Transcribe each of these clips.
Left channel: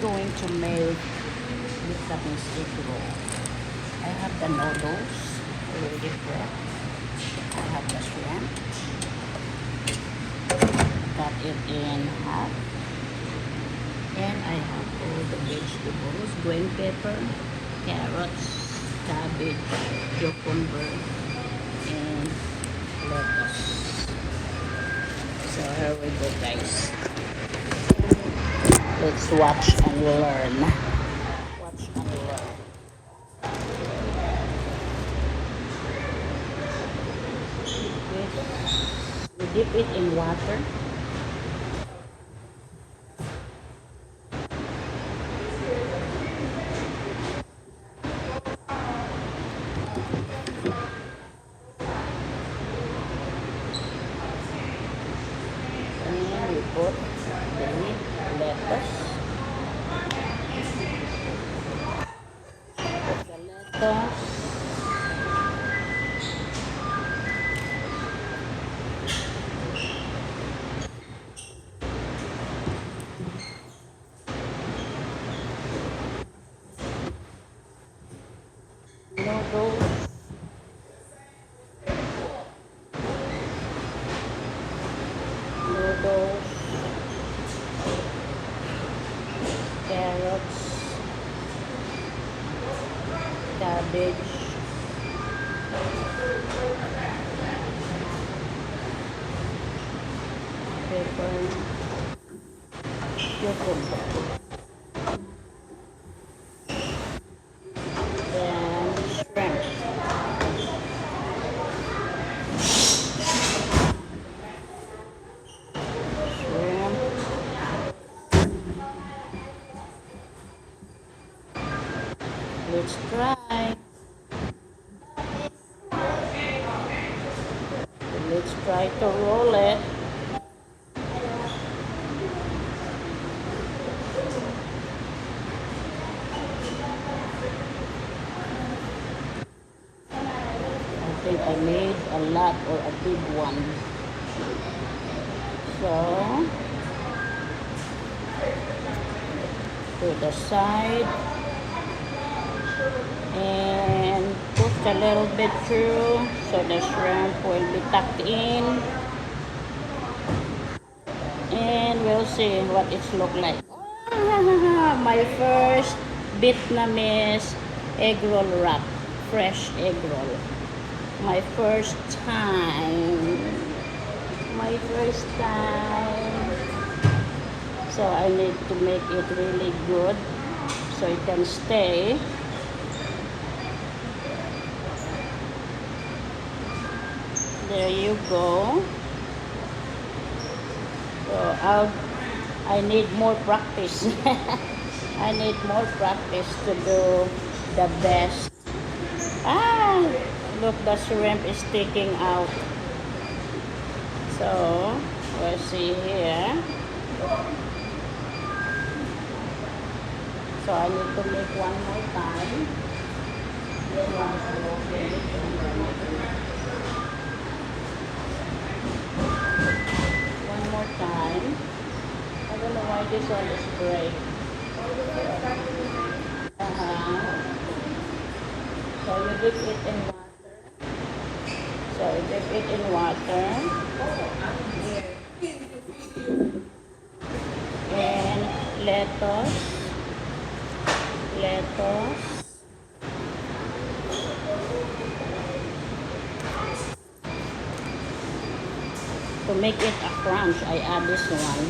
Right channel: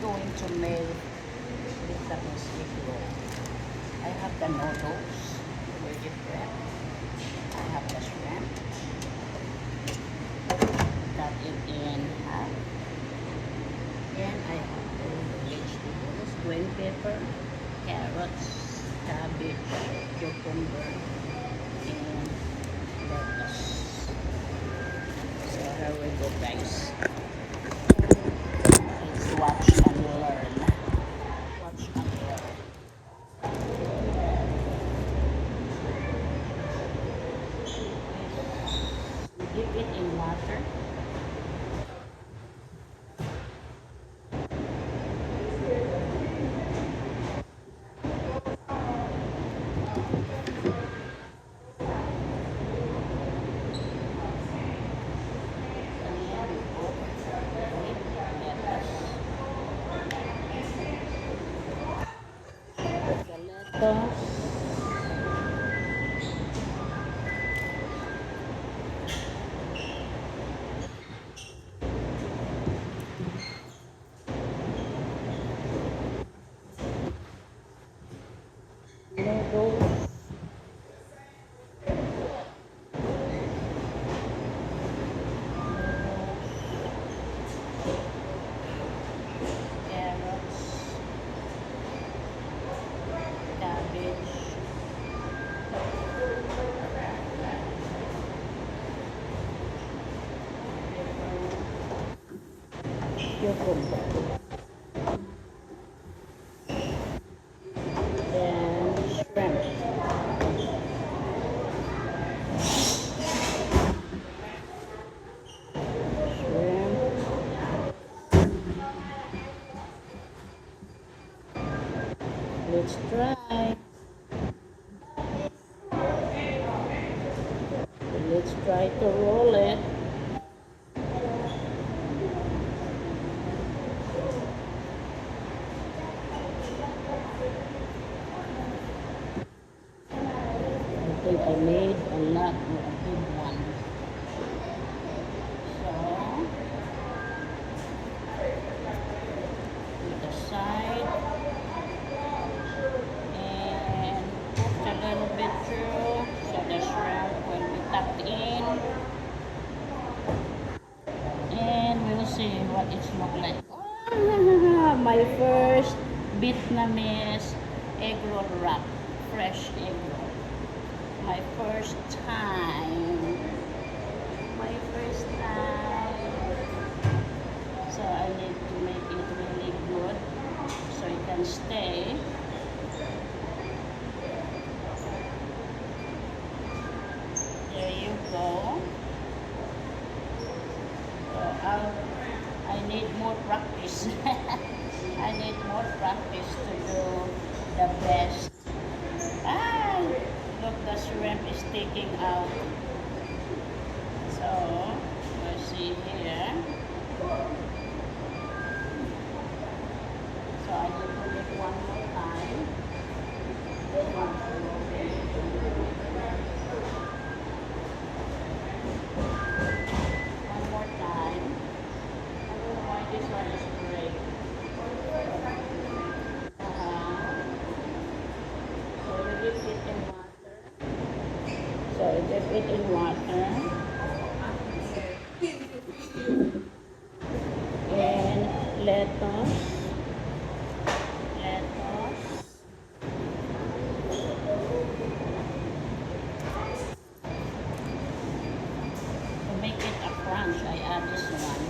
going to make Japanese egg roll. I have the noodles already prepped. I have the shrimp. Cut it in half. And I have all the vegetables, green pepper, carrots, cabbage, cucumber, and lettuce. So here we go, guys. Let's watch and learn. Watch and learn. We dip it in water. And then we put the lettuce. Put the lettuce. Noodles. Noodles. Carrots. Cabbage. Pepper. Cucumber. Then shrimp. Shrimp. Let's try. Let's try to roll it. I think I made a lot or a big one. So, to the side. And push a little bit through so the shrimp will be tucked in. And we'll see what it looks like. My first Vietnamese egg roll wrap. Fresh egg roll. My first time. My first time. So I need to make it really good so it can stay. There you go. So I need more practice. I need more practice to do the best. Ah, look, the shrimp is sticking out. So we'll see here. So I need to make one more time. This one is broken. One more time. I don't know why this one is break. So you dip it in water. So you dip it in water. And lettuce. To make it a crunch, I add this one.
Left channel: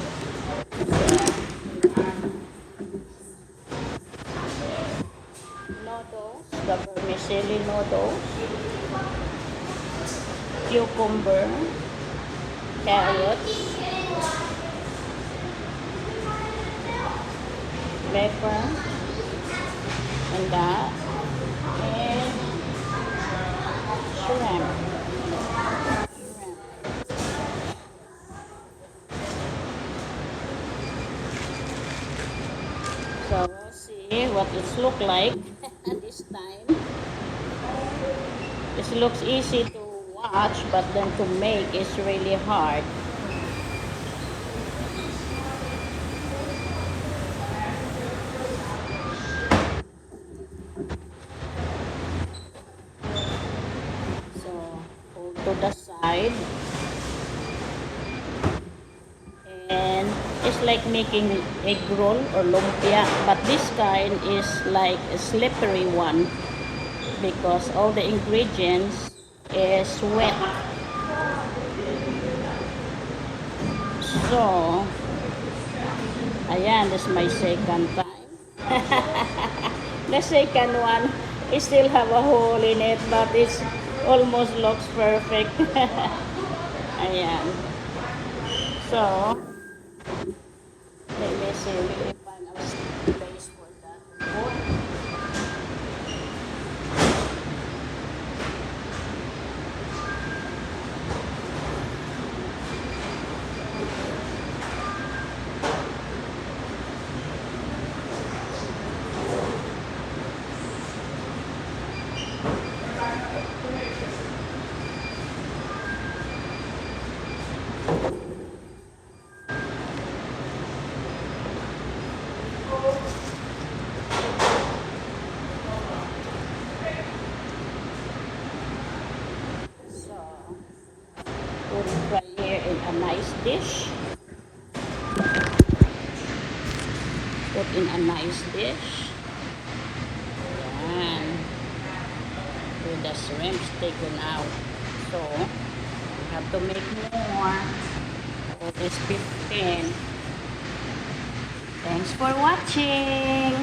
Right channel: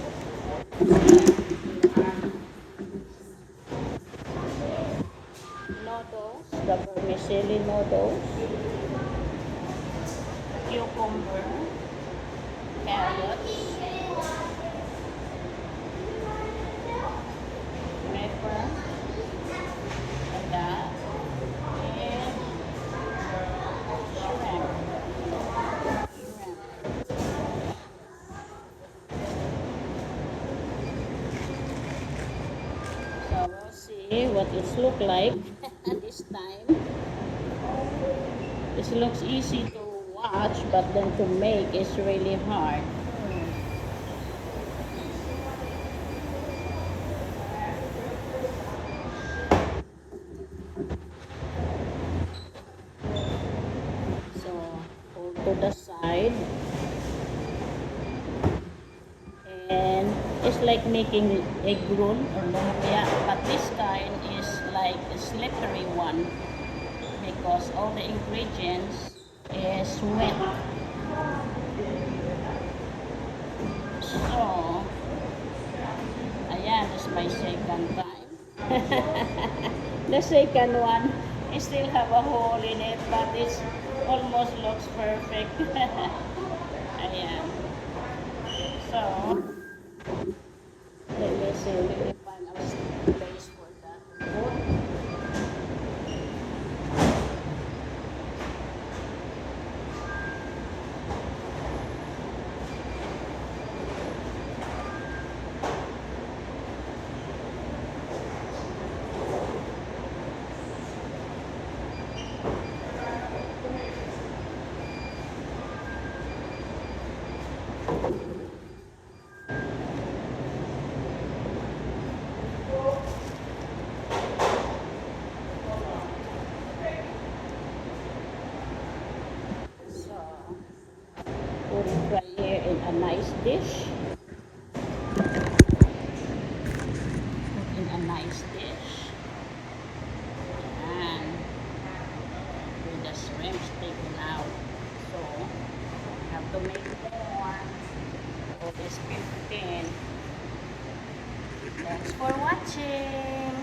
Noodles, the vermicelli noodles, cucumber, carrots, pepper, and that, and shrimp. So we'll see what it looks like this time. This looks easy to watch, but then to make is really hard. side. And it's like making egg roll or lumpia, but this kind is like a slippery one because all the ingredients is wet. So, ayan, this is my second time. The second one, it still have a hole in it, but it almost looks perfect. Ayan. So, let me see, let me find a place for that food. So, put it right here in a nice dish. Put in a nice dish. Ayan. With the shrimps taken out. So, we have to make more. It is 15. Thanks for watching.